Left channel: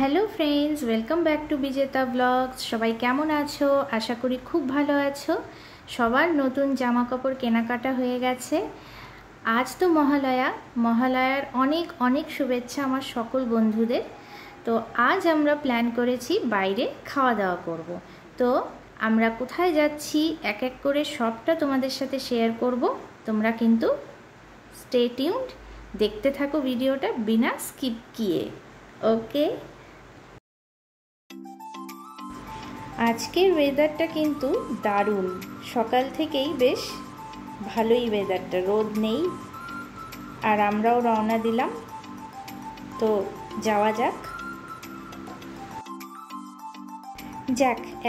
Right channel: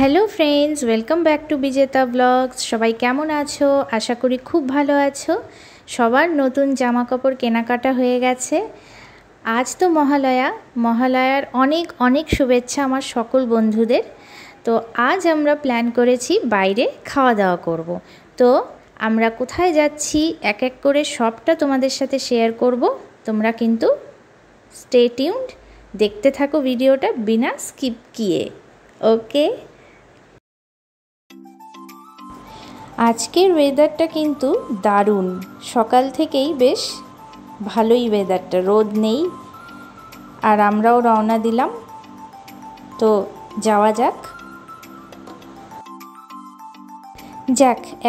Hello friends, welcome back to বিজেতা blogs. সবাই কেমন আছো? আশা করি খুব ভালো আছো। সবার নতুন জামা কাপড় কেনাকাটা হয়ে গেছে। আজ তো মহালয়ার অনেক অনেক শুভেচ্ছা আমার সকল বন্ধুদের। তো আজ আমরা প্ল্যান করেছি বাইরে খাওয়া দাওয়া করব। তো আমরা কোথায় যাচ্ছি এক এক করে সবটা তোমাদের সাথে শেয়ার করব। তোমরা কিন্তু স্টে টিউনড, দেখতে থাকো ভিডিওটা বিনা স্কিপ কিয়ে। ওকে, আজকের ওয়েদারটা কিন্তু দারুণ। সকাল থেকেই বেশ ভালোই ওয়েদারটা, রোদ নেই। আর আমরাও রওনা দিলাম, তো যাওয়া যাক।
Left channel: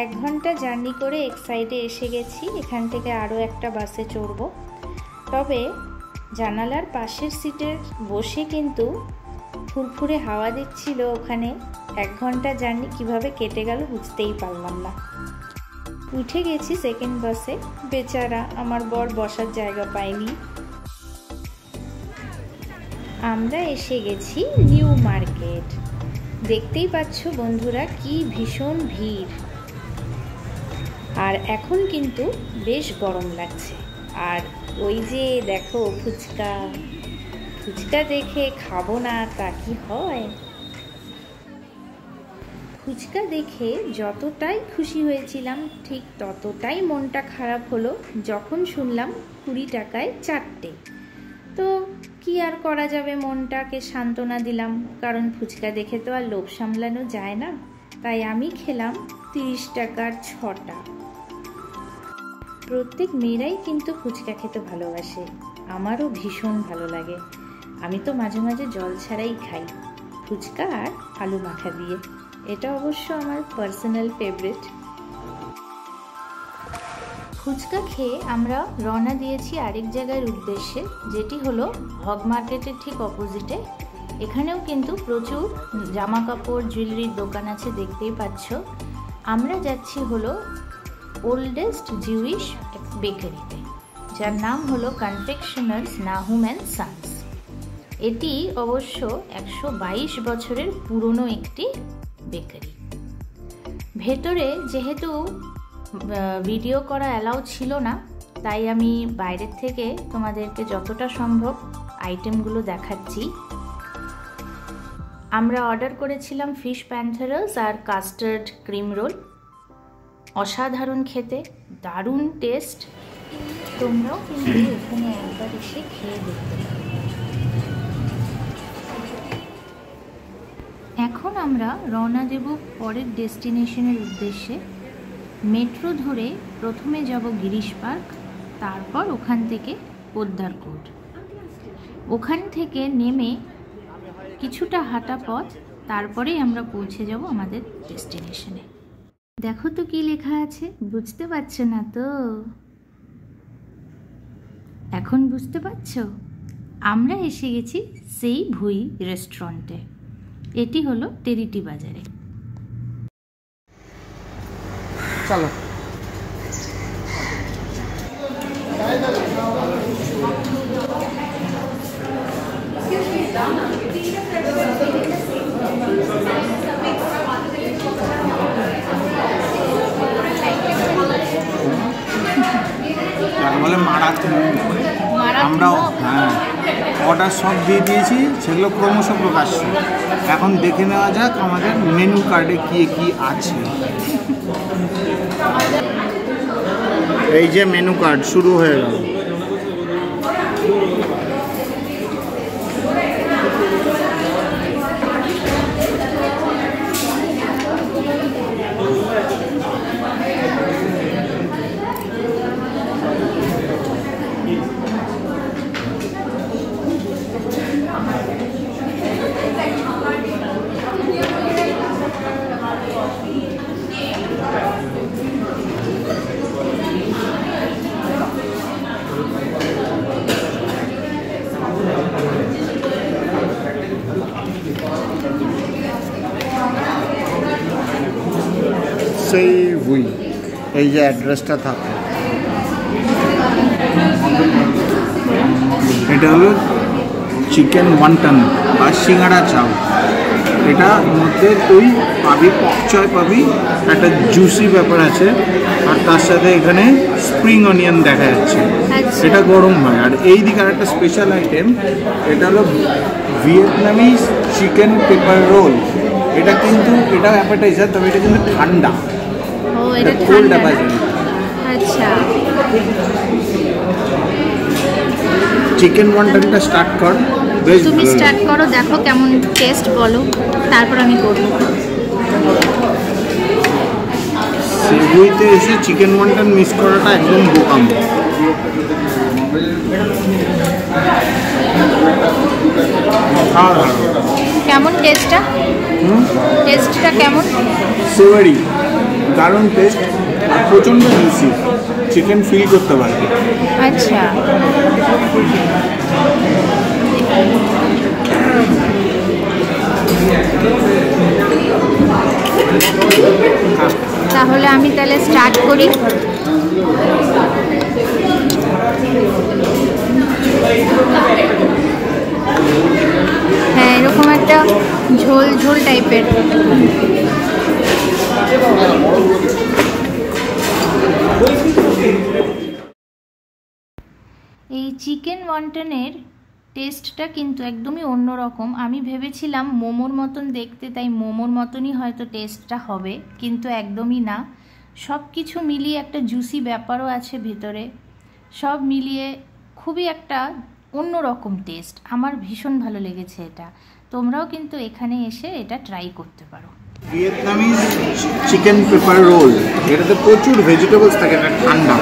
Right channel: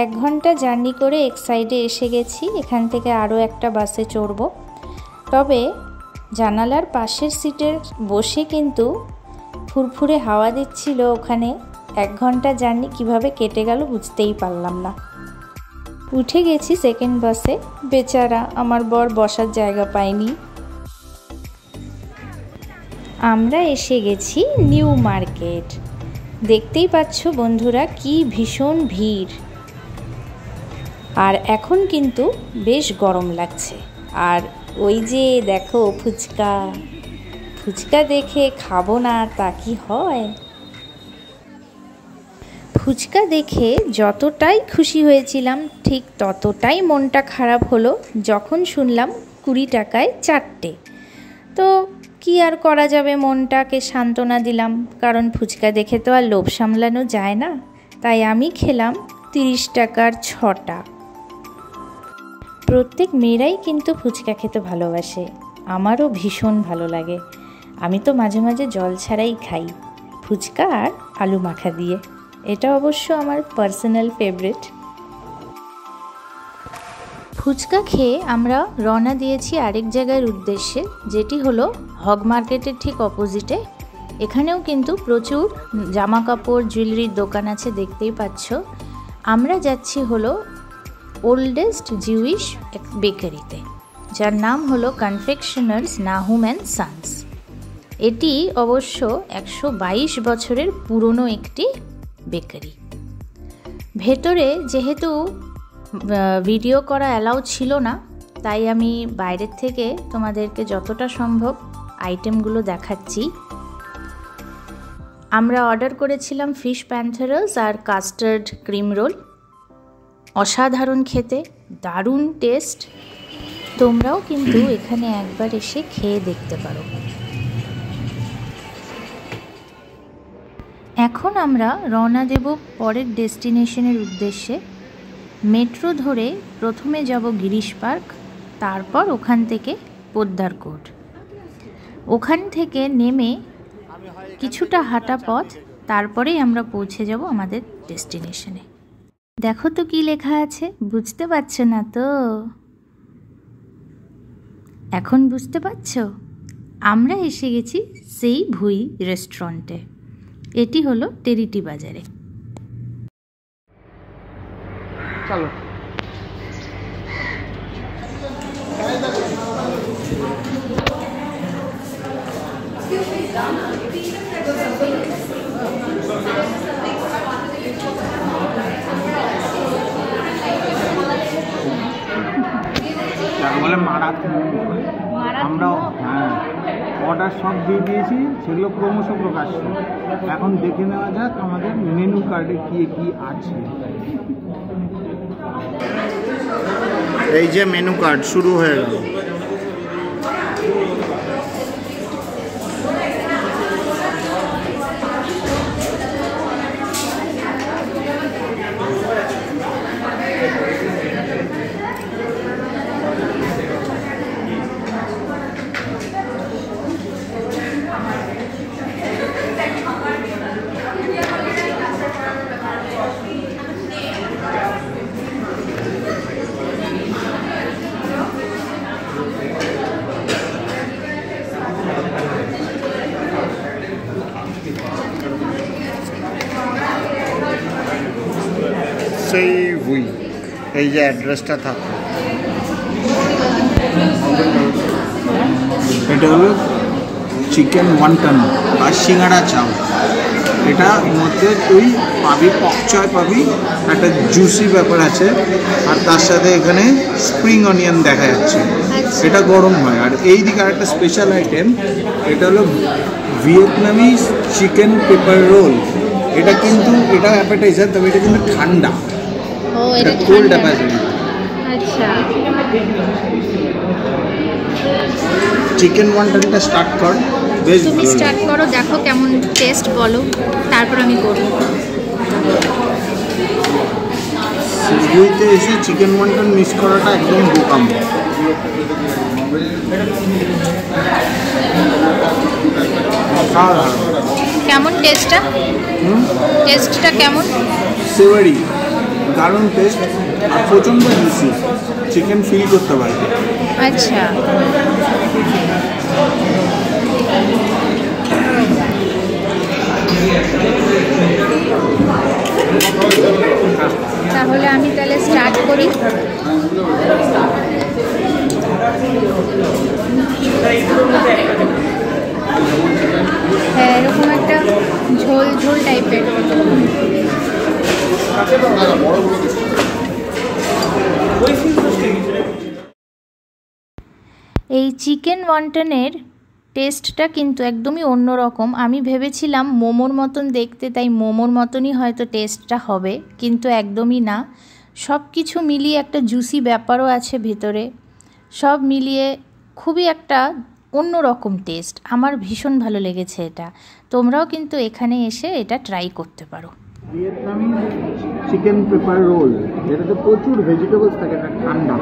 1 ঘন্টা জার্নি করে এক সাইডে এসে গেছি। এখান থেকে আরও একটা বাসে চড়ব। তবে জানালার পাশের সিটের বসে কিন্তু ফুরফুরে হাওয়া দিচ্ছিল। ওখানে 1 ঘন্টা জার্নি কিভাবে কেটে গেল বুঝতেই পারলাম না। উঠে গেছি সেকেন্ড বাসে। বেচারা আমার বর বসার জায়গা পায়নি। আমরা এসে গেছি নিউ মার্কেট। দেখতেই পাচ্ছ বন্ধুরা, কি ভীষণ ভিড়। আর এখন কিন্তু বেশ গরম লাগছে। আর ওই যে দেখো ফুচকা দেখে খাবো না তা কি হয়? ফুচকা দেখে যতটাই খুশি হয়েছিলাম, ঠিক ততটাই মনটা খারাপ হলো যখন শুনলাম 20 টাকায় 4টে। তো কি আর করা যাবে, মনটাকে সান্ত্বনা দিলাম, কারণ ফুচকা দেখে তো আর লোভ সামলানো যায় না। তাই আমি খেলাম 30 টাকার 6টা। প্রত্যেক মেয়েরাই কিন্তু ফুচকা খেতে ভালোবাসে, আমারও ভীষণ ভালো লাগে। আমি তো মাঝে মাঝে জল ছাড়াই খাই, ফুচকা আর আলু মাখা দিয়ে। এটা অবশ্য আমার পার্সোনাল ফেভারিট। ফুচকা খেয়ে আমরা রওনা দিয়েছি আরেক জায়গার উদ্দেশ্যে, যেটি হলো হগ মার্কেটের ঠিক অপোজিটে। এখানেও কিন্তু প্রচুর জামা কাপড় জুয়েলারির দোকান আছে, দেখতেই পাচ্ছ। আমরা যাচ্ছি হলো ওল্ডেস্ট জিউইশ বেকারিতে, যার নাম হলো কনফেকশনার্স নাহুম অ্যান্ড সানস। এটি অবশ্য 122 বছরের পুরনো একটি বেকারি। ভেতরে যেহেতু ভিডিও করা অ্যালাউ ছিল না, তাই আমি বাইরের থেকে তোমাদেরকে যতটা সম্ভব আইটেমগুলো দেখাচ্ছি। আমরা অর্ডার করেছিলাম ফিশ প্যান্থারাস আর কাস্টার্ড ক্রিম রোল। অসাধারণ খেতে, দারুণ টেস্ট। তোমরাও কিন্তু এখানে একবার এসে খেয়ে দেখতে পারো। এখন আমরা রওনা দেব পরের ডেস্টিনেশনের উদ্দেশ্যে। মেট্রো ধরে প্রথমে যাব গিরিশ পার্ক, তারপর ওখান থেকে পোদ্দার কোট। ওখান থেকে নেমে কিছুটা হাঁটা পথ, তারপরেই আমরা পৌঁছে যাব আমাদের ডেস্টিনেশনে। দেখো তো কি লেখা আছে, বুঝতে পারছো না তো? এখন বুঝতে পারছো? আমরা এসে গেছি সেই ভুই রেস্টুরেন্টে। এটি হলো টেরিটি বাজারে। চলো। বলে মারাত্মক। আমরাও অর্ডার সব দিয়ে দিয়েছি, সেগুলো ক্রমশ প্রকাশ্য। এখন দেখে নেওয়া যাক আমাদের মেনু কার্ডে কি কি আছে। এই যে মেনু কার্ড শুরু হয়ে গেল। সেই ভুই, এই যে অ্যাড্রেসটা থাকে, এটা হলো চিকেন ওয়ান্টন বা সিঙ্গাড়া চাউ। এটা মধ্যে তুই পাবি পকচয় পাবি, একটা জুসি ব্যাপার আছে, আর তার সাথে এখানে স্প্রিং অনিয়ন দেখা যাচ্ছে। আচ্ছা। এটা গরম হয়। আর এই দিকে আর একটা স্পেশাল আইটেম, এটা হলো ভিয়েতনামি চিকেন পেপার রোল। এটা কিন্তু এটা অ্যাপেটাইজার, তবে এটা কিন্তু ঠান্ডা। ও এটা কোল্ড ঠান্ডা না? অ্যাপেটাইজার। আচ্ছা, চিকেন ওয়ান্টনটা স্টার্ট কর, বেশ তুমি ভালো স্টার্ট লাগে। করো, দেখো কেমন টেস্ট বলো, তারপর আমি করব। সিগুইতে এসে চিকেন ওয়ান্টন মিস করাটা একদম বোকাম। অসাধারণ। কেমন টেস্টটা? টেস্টটা কেমন? সেভারি, দারুণ টেস্ট, আর প্রচণ্ড জুসি, চিকেন ফিল করতে পারবে। আচ্ছা, তাহলে আমি তাহলে স্টার্ট করি। হ্যাঁ, এরকম একটা ঝোল ঝোল টাইপের। এই চিকেন ওয়ান্টনের টেস্টটা কিন্তু একদমই অন্যরকম। আমি ভেবেছিলাম মোমোর মতন দেখতে, তাই মোমোর মতনই হয়তো টেস্টটা হবে, কিন্তু একদমই না। সব কিছু মিলিয়ে একটা জুসি ব্যাপারও আছে ভেতরে, সব মিলিয়ে খুবই একটা অন্যরকম টেস্ট। আমার ভীষণ ভালো লেগেছে এটা। তোমরাও কিন্তু এখানে এসে এটা ট্রাই করতে পারো। ভিয়েতনামি চিকেন পেপার রোল, এটাতে প্রচুর ভেজিটেবলস থাকে, এটা ঠান্ডা।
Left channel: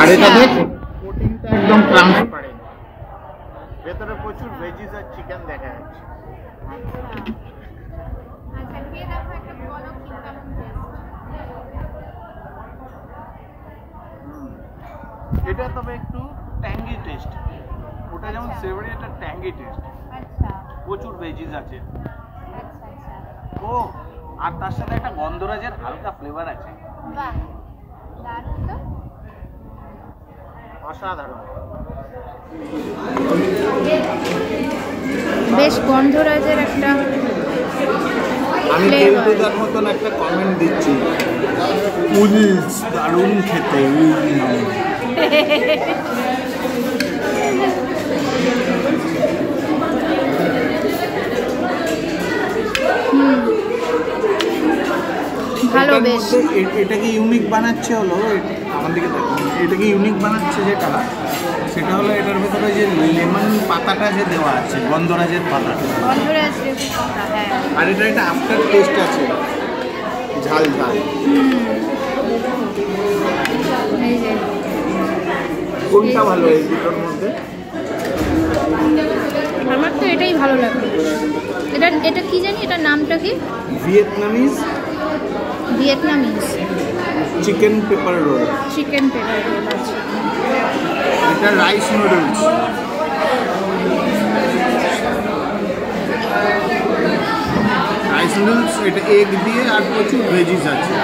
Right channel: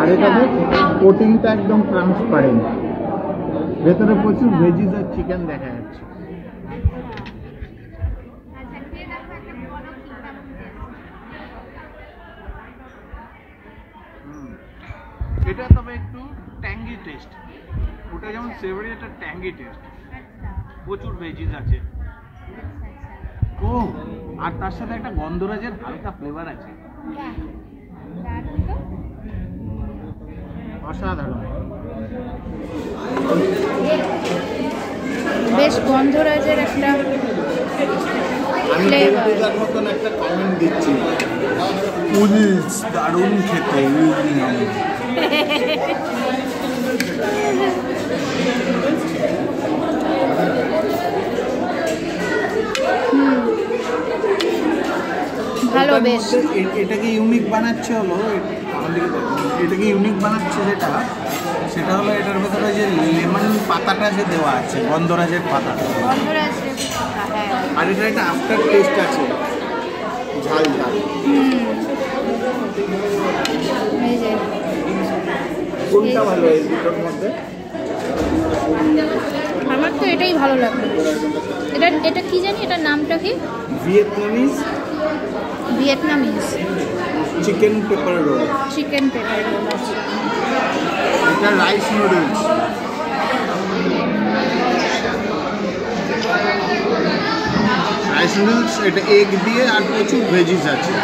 আর এটাতে প্রোটিনটা একদম ট্রান্সপারেন্ট, ভেতরে প্রচুর ভেজিস আর চিকেন দেখা যাচ্ছে। এটা তবে একটু ট্যাঙ্গি টেস্ট, ওটা যেমন সেভারি, এটা ট্যাঙ্গি টেস্ট, প্রচুর ভেজিস আছে। ও, আর তার সাথে একটা গন্ধরাজের হালকা ফ্লেভার আছে। অসাধারণ। বেশ গন্ধরাজের একটা আমি কেলটুদার মতন একটা কমেন্ট দিচ্ছি, উলস দারুণ খেতে। ভালো, বেশ। এটাকে ইউনিক বানাচ্ছে হলো, আমার দিকে দেখুন, এটাকে ইউনিক বানাচ্ছে সেটা হলো এটার ভেতরে যে লেমন পাতাটা যে দেওয়া আছে, গন্ধরাজের পাতা, গন্ধরাজ লেবু পাতা, হ্যাঁ। আর এটা একটা আফটার টেস্ট আছে, ঝাল ঝাল। এই যে কোনটা ভালো এই দুটোর মধ্যে? আমার তো এটাই ভালো লাগলো। এটা কি জানি, এটার নামটা কি? Vietnamese chicken paper role. Chicken paper role আছে। এটা রাইস নুডলস। রাইস নুডলস, এটা এগ দিয়ে আর প্রচুর ভেজিস আছে।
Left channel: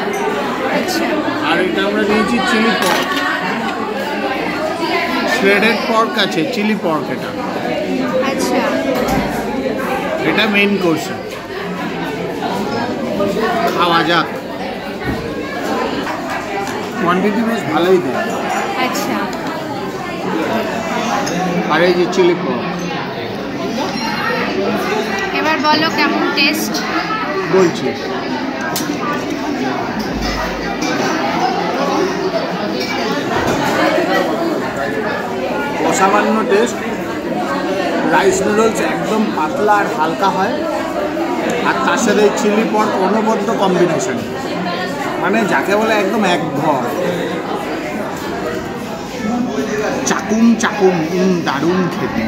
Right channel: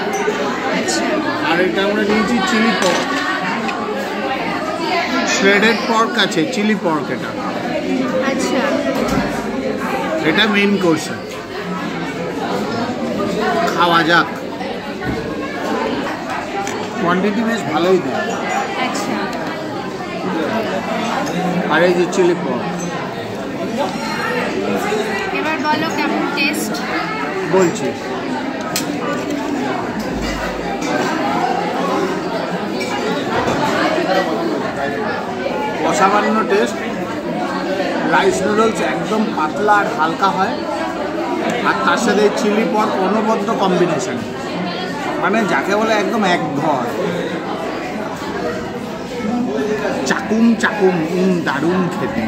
আচ্ছা, আর এটা আমরা নিয়েছি চিলি পর্ক, শ্রেডেড পর্ক আছে, চিলি পর্ক এটা। আচ্ছা, এটা মেইন কোর্স, খাওয়া যাক। কোয়ান্টিটি বেশ ভালোই দেয়। আচ্ছা, আর এই যে চিলি পর্ক, এবার বলো কেমন টেস্ট। বলছি অসামান্য টেস্ট। রাইস নুডলস একদম পাতলা আর হালকা হয়, আর তার সাথে চিলি পর্ক অনবদ্য কম্বিনেশন, মানে যাকে বলে একদম এক ঘর। চাকুম চাকুম, দারুণ খেতে।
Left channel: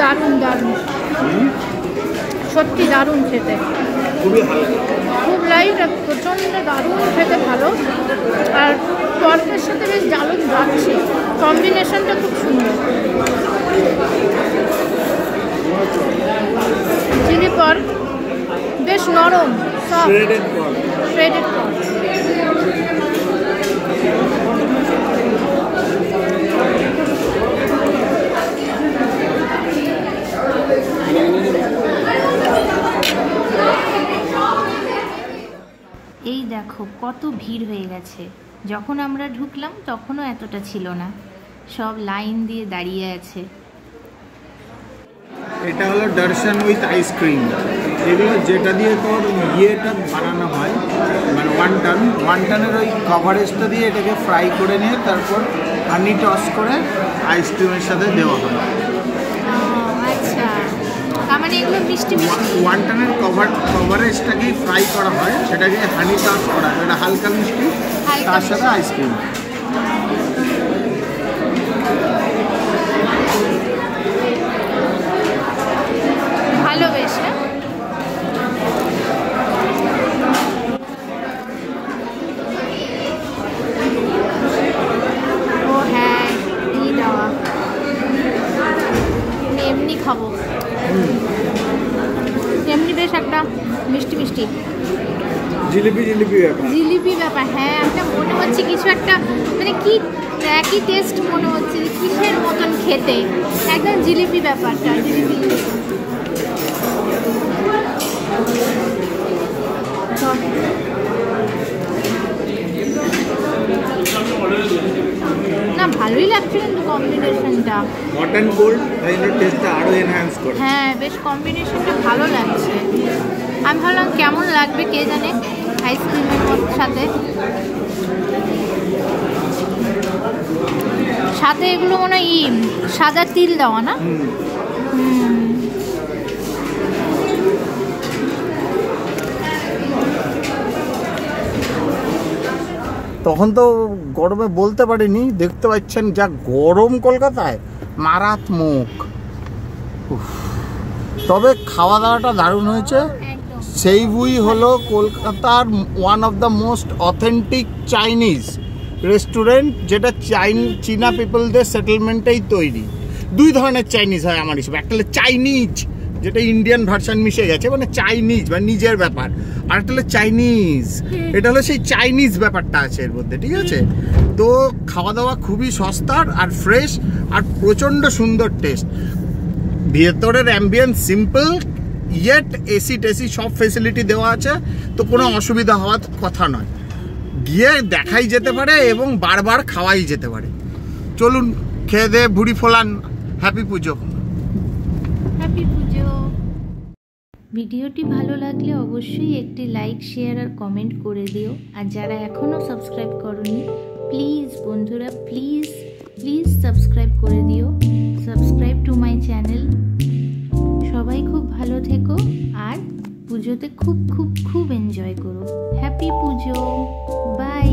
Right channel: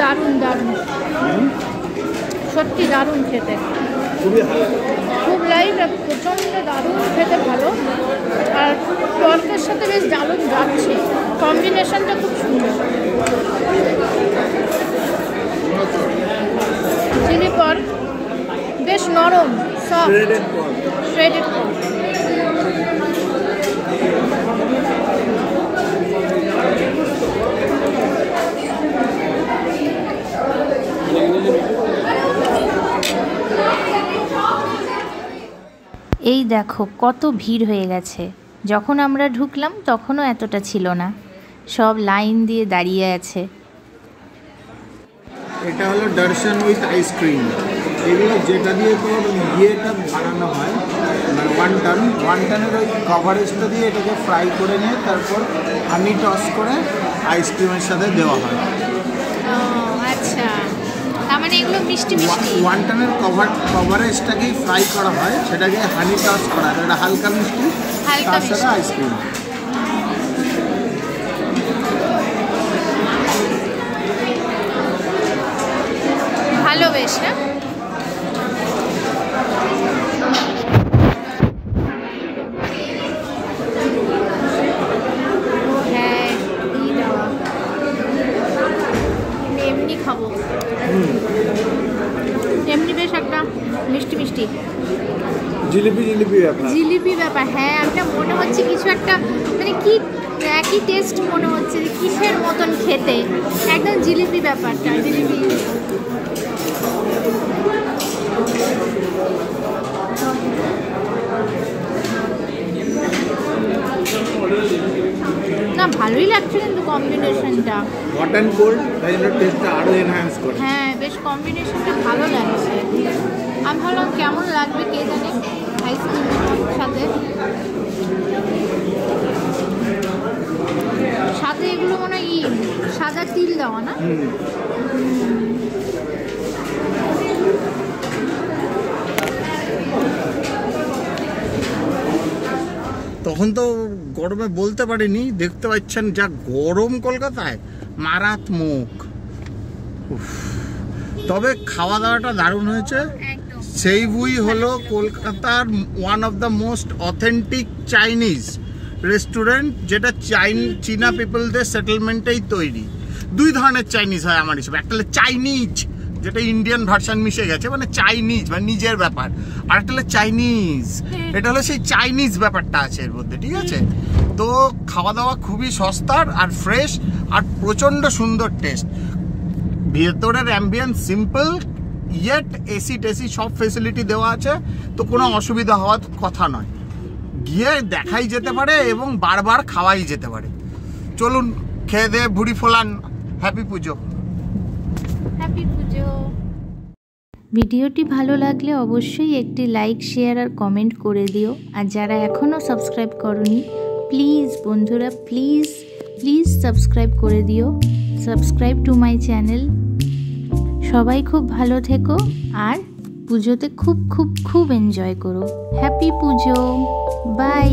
দারুণ দারুণ, সত্যি দারুণ খেতে। খুবই হালকা, খুব লাইট আর প্রচণ্ড দারুণ খেতে ভালো। আর পর্কের সাথে বেশ জালুক যাচ্ছে, কম্বিনেশনটা খুব সুন্দর। চিলি পর্ক বেশ নরম, সফট, শ্রেডেড পর্ক। এই দেখো কত ভিড় হয়ে গেছে। যখন আমরা ঢুকলাম তখনও এতটা ছিল না, সব লাইন দিয়ে দাঁড়িয়ে আছে। এটা হলো দর্শন উইথ আইসক্রিম। এগুলো যেটা দিয়ে তোর ইয়েটা বানানো হয়, মানে ওয়ান্টনের ওই কভারেজটা দিয়ে এটাকে ফ্রাই করে নিয়ে তারপর হানি টস করে আইসক্রিমের সাথে দেওয়া হয়। আচ্ছা, তার মানে এগুলো মিষ্টি মিষ্টি। ওয়ান্টনের কভারেজটাকেই ফ্রাই করা হয়, সেটাকে হানি টস করা হয়, এটা হালকা মিষ্টি, তার সাথে আইসক্রিম। ভালো বেশ না? ও হ্যাঁ, এই দেওয়া এমনি খাবো, এমনি বেশ একটা মিষ্টি মিষ্টি জিলিপি ব্যাপার। হ্যাঁ, একটা মনে হচ্ছে কিছু একটা, মানে কি একই টেস্ট মনে হচ্ছে, কিসের মতন খেতে, একদম জিলিপি ব্যাপারটা, জিলিপি। না ভালোই লাগছে কিন্তু কম্বিনেশনটা, হট অ্যান্ড কোল্ড, তাই জন্য টেস্টটা আরো এনহ্যান্স করে। হ্যাঁ বেশ কম্বিনেশনটা ভালো লাগছে। আমি ভাবলাম কেমন লাগবে কে জানে আইসক্রিমের সাথে। সাথে এগুলো মনে হয় সাদা তিল দেওয়া না? তখন তো গরমে বলতে পারিনি, দেখতে পাচ্ছেন যা গরম কলকাতায়, মারাত্মক। তবে খাওয়া দাওয়াটা দারুণ হয়েছে। সেইবুই হলো কলকাতার one of the most authentic Chinese restaurant, যেটা চীনা পিপলদের সেটেলমেন্টেই তৈরি। দুই ধরনের চাইনিজ হয় আমার হিসেবে, একটা হলো চাইনিজ যেটা ইন্ডিয়ান ভার্সন মিশে গেছে, মানে চাইনিজ মানে নিজের ব্যাপার, আর একটা হলো চাইনিজ, এটা হলো সেই চাইনিজ ব্যাপারটা আছে এর মধ্যে, ঠিক আছে? তো খাওয়া দাওয়া খুবই সস্তার আর ফ্রেশ আর প্রচণ্ড সুন্দর টেস্ট। ভেতরের অ্যাম্বিয়েন্স সিম্পল, ইয়েট এসি টেসি সব ফেসিলিটি দেওয়া আছে, তো কোনো অসুবিধা হওয়ার কথা নয়। গিয়ে দেখাই যেতে পারে এবং বারবার খাওয়াই যেতে পারে। চলুন খেয়ে দিয়ে ভুড়ি ফোলান। হ্যাপি পুজো। হ্যাপি পুজো। ভিডিওটি ভালো লাগলে অবশ্যই একটি লাইক, শেয়ার আর কমেন্ট করে দিও। আর যারা এখনও সাবস্ক্রাইব করনি, প্লিজ বন্ধুরা, প্লিজ প্লিজ সাবস্ক্রাইব করে দিও। Subscribe to my channel. সবাই খুব ভালো থেকো আর পুজোতে খুব খুব খুব এনজয় করো। Happy Puja, by.